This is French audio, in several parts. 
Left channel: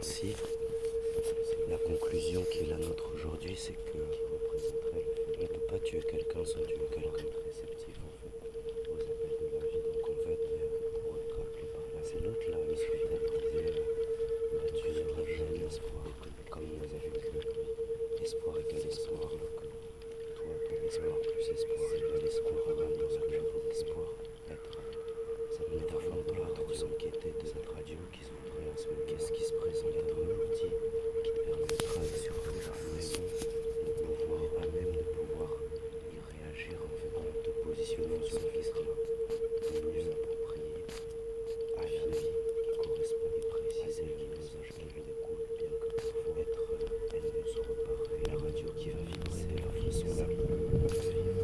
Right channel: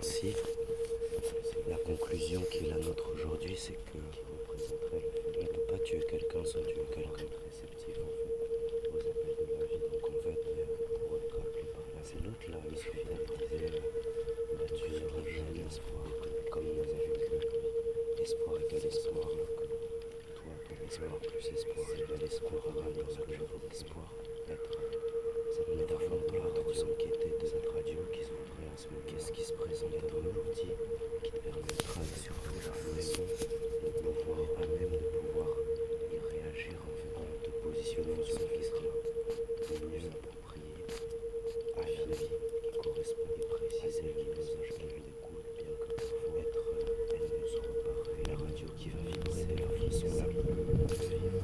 Ainsi, la conclusion qui est la nôtre aujourd'hui, c'est que on ne peut pas tuer quelqu'un sans tuer quelqu'un. Réceptif en fait aux appels de la vie. Donc en fait, pour être appelé par là, c'est l'autre là, il suffit d'être tu seras jamais espoir. Comme on avait vu que espoir égale espoir, que toi, ton espoir plus espoir égale espoir, lorsque espoir être cette métaphore de la radio qui était de cette radio qui se voudrait à ce moment. Qu'est-ce qui se présente à toi l'outil qui te permettra surtout à même de pouvoir y réagir en te positionnant sur ce qui sera mieux approprié à la vie qui correspond et préciser le message qui lui découle, bien que parfois elle ne soit pas la radio qui va vibrer de la façon la plus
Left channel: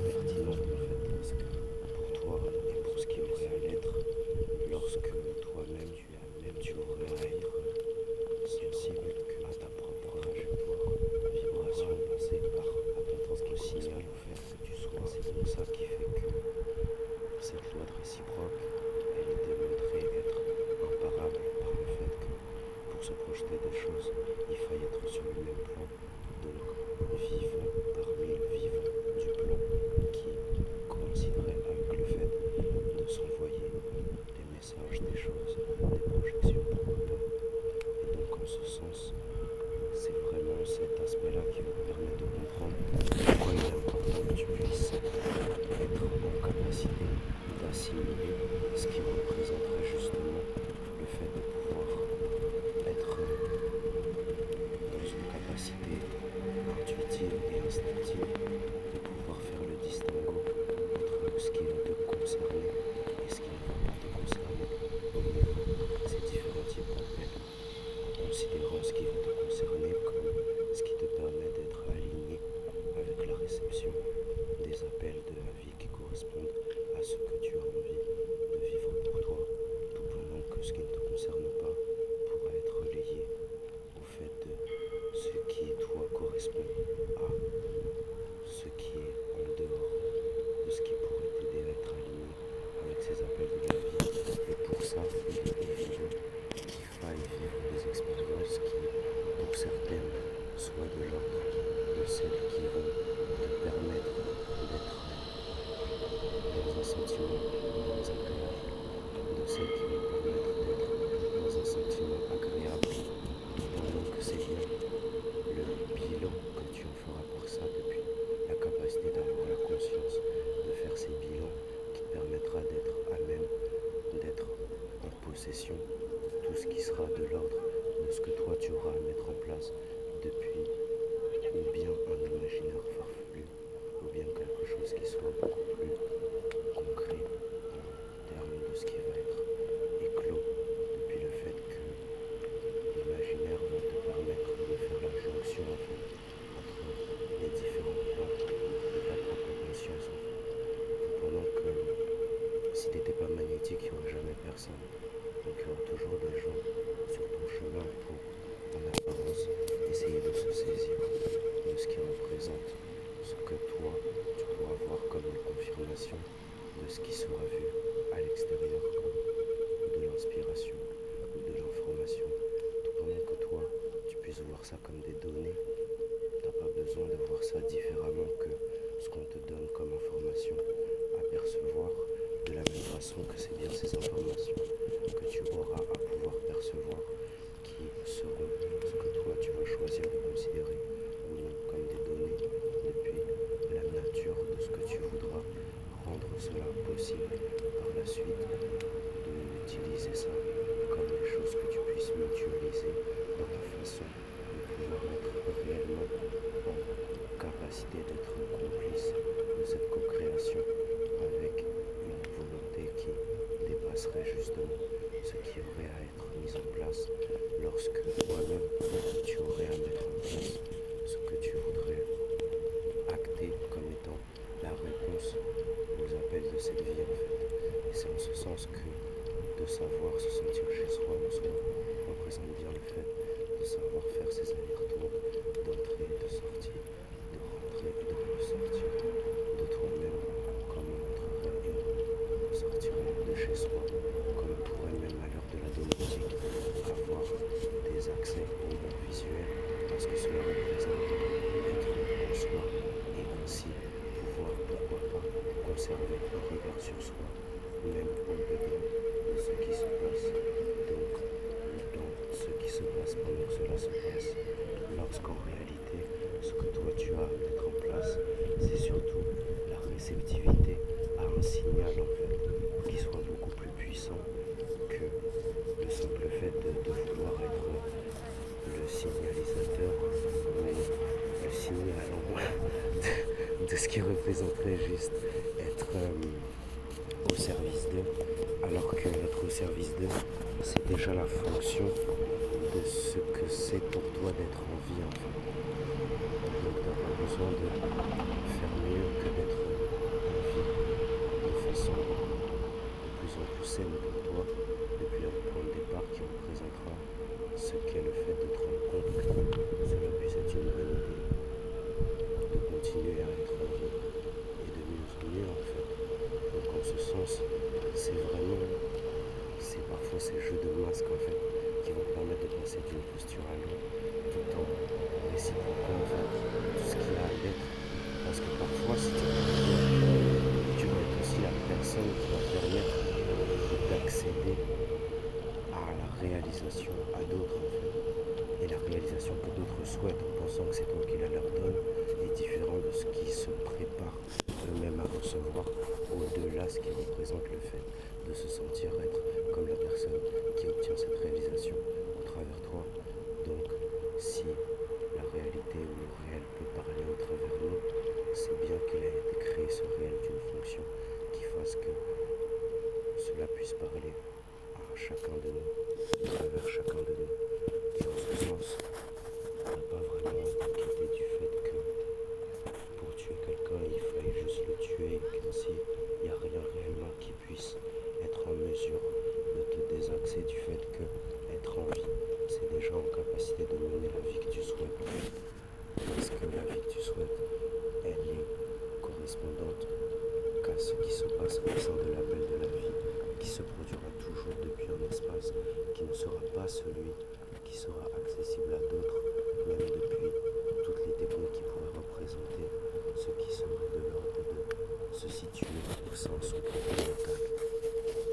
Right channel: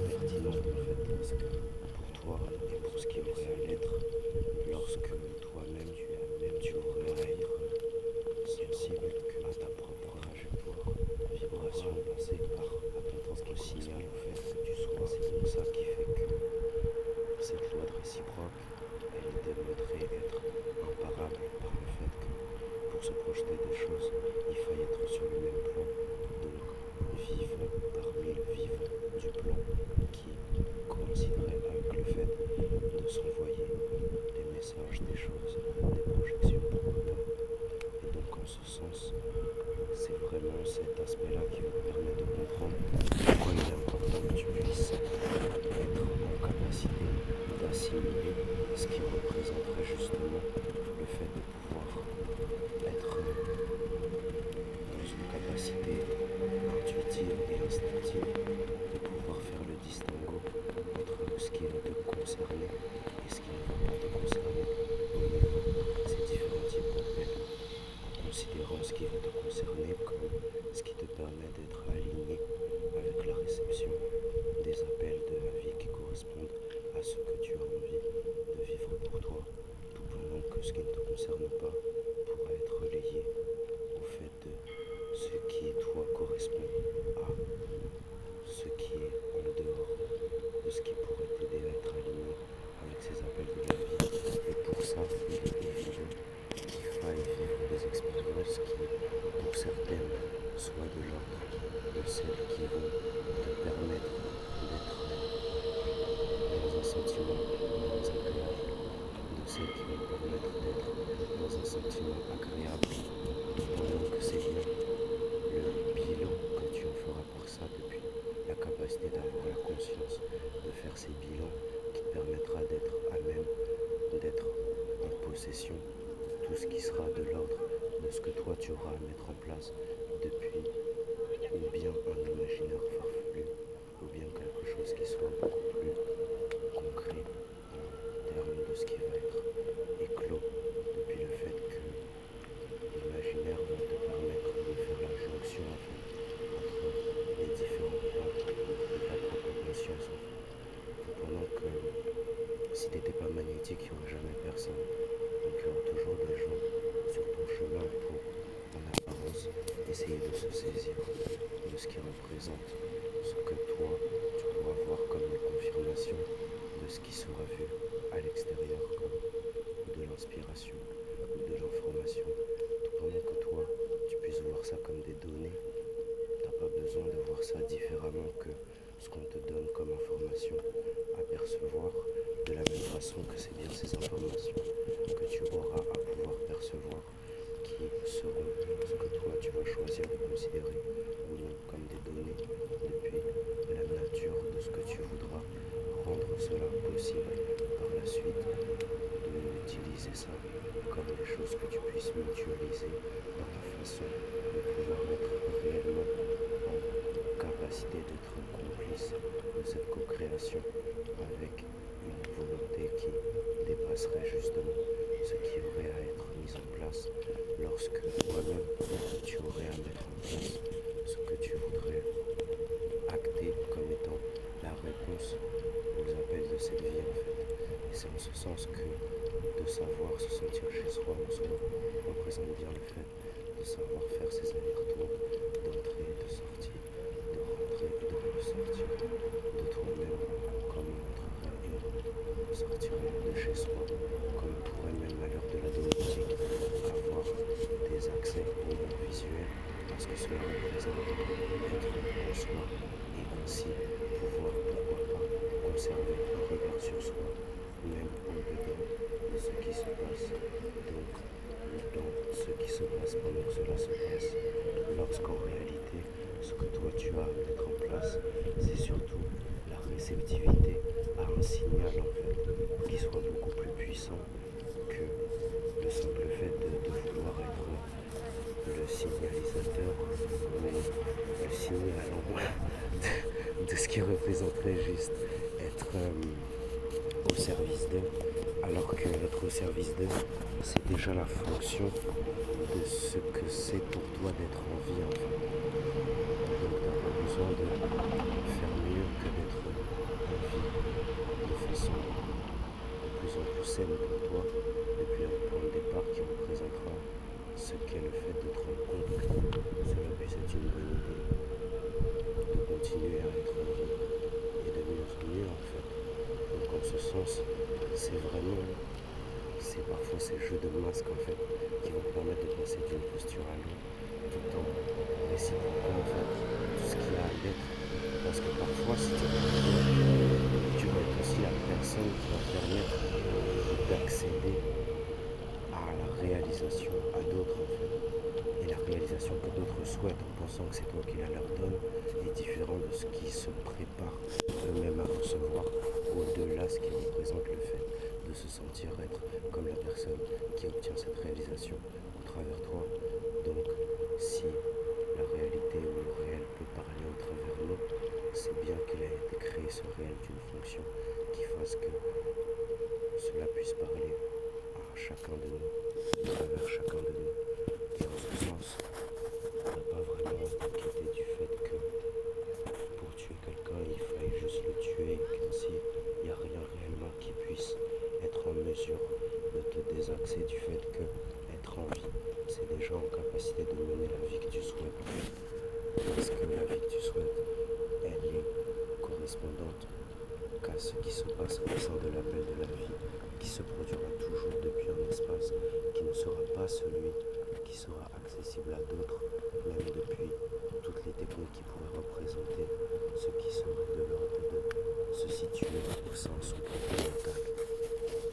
pertinente en fait, parce que pour toi et pour ce qui aurait à l'être, lorsque toi-même tu aurais à être sensible à ta propre trajectoire, vibration passée par à ton propre signal au fait que tu sois. C'est donc ça qui fait que cette loi de réciproque, elle est démontrée être imparable par le fait que pour se projeter des choses, il faille être sur le même plan. Donc vivons parmi le vivant du plan qui coïnciderait avec le fait de s'envoyer des messages, des choses, des projections, pourquoi pas. Et donc en ce sens, c'est vraiment cet aspect-là qui va te permettre de comprendre pourquoi il est important que tu puisses être en capacité d'assimiler ce qui représenterait justement le fait de pouvoir être dans une capacité intuitive et instinctive de pouvoir faire le distinguo entre ce qui va te concerner et ce qui ne va pas te concerner au niveau de ces différents types d'appels, en considérant ce qui va te concerner comme ce qui te permet d'être aligné avec la réception des appels de la vie qui correspondent à ce que tu as envie de vivre pour toi, tout pendant que ce qui ne te concerne pas pourra être relayé au fait de ce qui toi correspond à ce qui est en dehors de ce qui pourrait t'aider à être aligné avec ces appels de la vie. Et pour ça, il est évident qu'il faille vivre des expériences qui, pour certaines, soient de l'ordre de celles qui vont te permettre d'être dans un sentiment moins agréable, de celles qui vont permettre d'être dans un sentiment agréable, pendant que c'est bien le bilan que tu en feras par ça depuis la capacité d'avoir la conscience de faire ces bilans qui te permettra d'être à même d'être en possession de tout ce qui sera de l'ordre de ce que toi tu auras à mettre en place depuis ou bien un imaginaire farfelu ou bien quelque chose qui soit beaucoup plus concret en termes de ce qui va être éclos depuis le fait que l'imaginaire va te permettre de faire la jonction en fait, entre les différents plans de ta propre conscience en fait. Pendant que si tu n'étais pas magnétique, il n'y aurait jamais personne. Donc il y aura toujours des gens sur ton chemin pour, en apparence, essayer de se saisir de ce qui représente ce que toi, tu pourras voir comme une confirmation de ce qui sera vu à l'extérieur comme de l'inspiration ou de l'information. Tout pendant que toi, tu puisses voir ça comme des données, tu n'as pas besoin de voir ça différemment que ce qu'on te donne comme information à percevoir, de la même façon que c'est bien ces informations que tu auras à pouvoir percevoir qui seront ce que toi tu vas choisir de considérer ou non comme des données depuis la nature de ce que tu voudras rendre cela possible par la suite, de utiliser ça comme des choses que tu puisses mutualiser dans la façon de pouvoir être réellement en capacité d'être complice de cette co-création avec une volonté qui dépasserait justement ce qui aurait à être mis en place lorsque toi-même tu aurais à mettre en place ce que tu voudrais acter comme étant la réponse aux appels de cette vie en fait. Et c'est en ce sens que de savoir se sentir chez soi en soi représente bien le fait de savoir faire ses allers-retours, d'entrée, de sortie, de rentrer et de ressortir de toi-même comme on entrerait et sortirait de chez soi, comme on pourrait même à l'heure de la domotique avoir des actes se passe pendant que cela se passe, lorsqu'en réalité, ce que toi tu as à mettre en place, c'est surtout la réceptivité à un signal en fait, qui soit beaucoup plus puissant que le simple fait de vouloir être le signalisateur ou le signalant de ce qui représenterait juste être au service d'eux, alors que être au service d'eux, c'est déjà la fonction de ce que c'est pour toi d'être en vie en fait. Donc tu n'as pas besoin de faire mieux que d'être en vie de façon de plus en plus saine pour toi, depuis un point de départ qui représentera ce qu'est le fait de te rendre compte que cela puisse être une bonne idée, de continuer à être en vie et de mieux en mieux en fait. Donc en ce sens, c'est parfois ces jeux de masques en fait qui vont permettre de passer d'une posture à l'autre tout en réciproquant en fait tout ce qu'il y a à l'être. Parce que parfois si tu vas être aussi la personne qui va permettre d'accéder à la réalisation à d'autres en fait. Et la réalisation que d'autres souhaitent en pensant que c'est toi qui la leur donne est différent de ce qu'ils se préparent eux-mêmes à recevoir, au-delà de ce qui représente le fait de se sentir être comme la personne qui obtient cette réalisation au travers toi. Donc si la réalité ou le réel peut parler au travers nous, c'est bien qu'il a été créé ce réel d'une fonction qui fasse que cela puisse parler à chacun de nous, à travers chacun de nous. Et en ce sens, t'as pas vraiment à t'inquiéter du fait que pour tuer quelqu'un, il faille juste le tuer et qu'ainsi, il n'y a rien réellement qui puisse être en mesure de te désaxer du fait que être en vie, c'est déjà en capacité de mener la vie que tu souhaites. Parce que la vie que tu souhaites, elle est correspondante qu'à ce qui se passe au sein de l'appel de la vie, qui se produira toujours depuis un espace qui ne sera pas celui qui sera accessible à d'autres, même depuis toutes les techniques qui pourraient représenter ce qui serait de l'ordre de se situer au sein de son propre mental.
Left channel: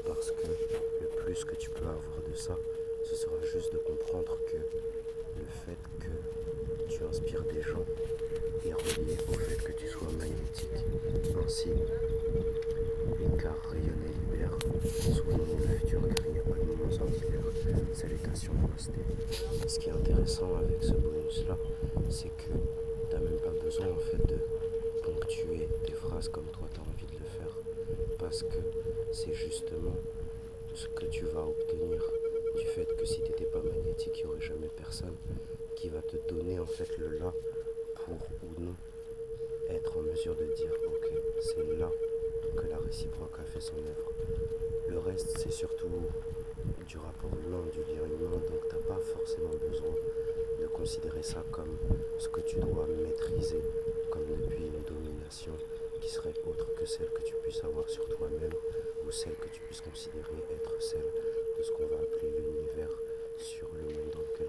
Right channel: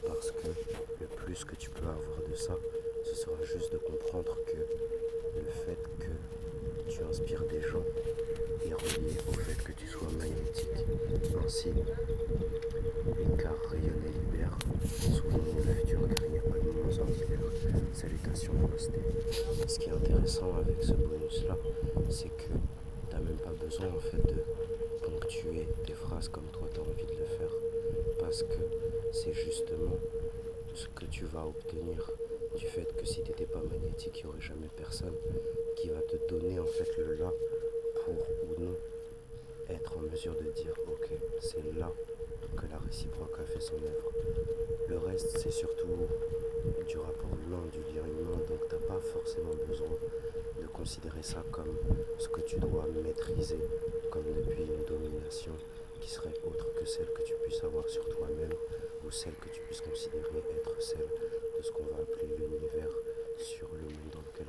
Parce que le plus que tu peux avoir de ça, ce sera juste de comprendre que le fait que tu inspires des gens est relié au fait que tu sois magnétique. Ainsi, car rayonner libère. Souvenons-nous le futur car il n'y a pas de moments ordinaires. Salutations namasté. Ce qui est intéressant avec ce bonus là, c'est que t'as même pas besoin en fait de ponctuer tes phrases comme toi t'as envie de le faire. Parce que c'est justement ce que tu vas obtenir du fait que si t'étais pas magnétique, il n'y aurait jamais personne qui va te donner en fait le là pour ou non être en mesure de dire ok, c'est là que la réciproque a fait son œuvre. Le reste, c'est surtout du rapport humain, du lien humain, donc t'as pas forcément besoin de considérer ça comme ce que tu dois maîtriser, comme depuis une domination qui serait autre que celle que tu puisses avoir sur toi-même ou celle que tu puisses considérer être celle de ce qu'on va appeler l'univers sur le monde dans lequel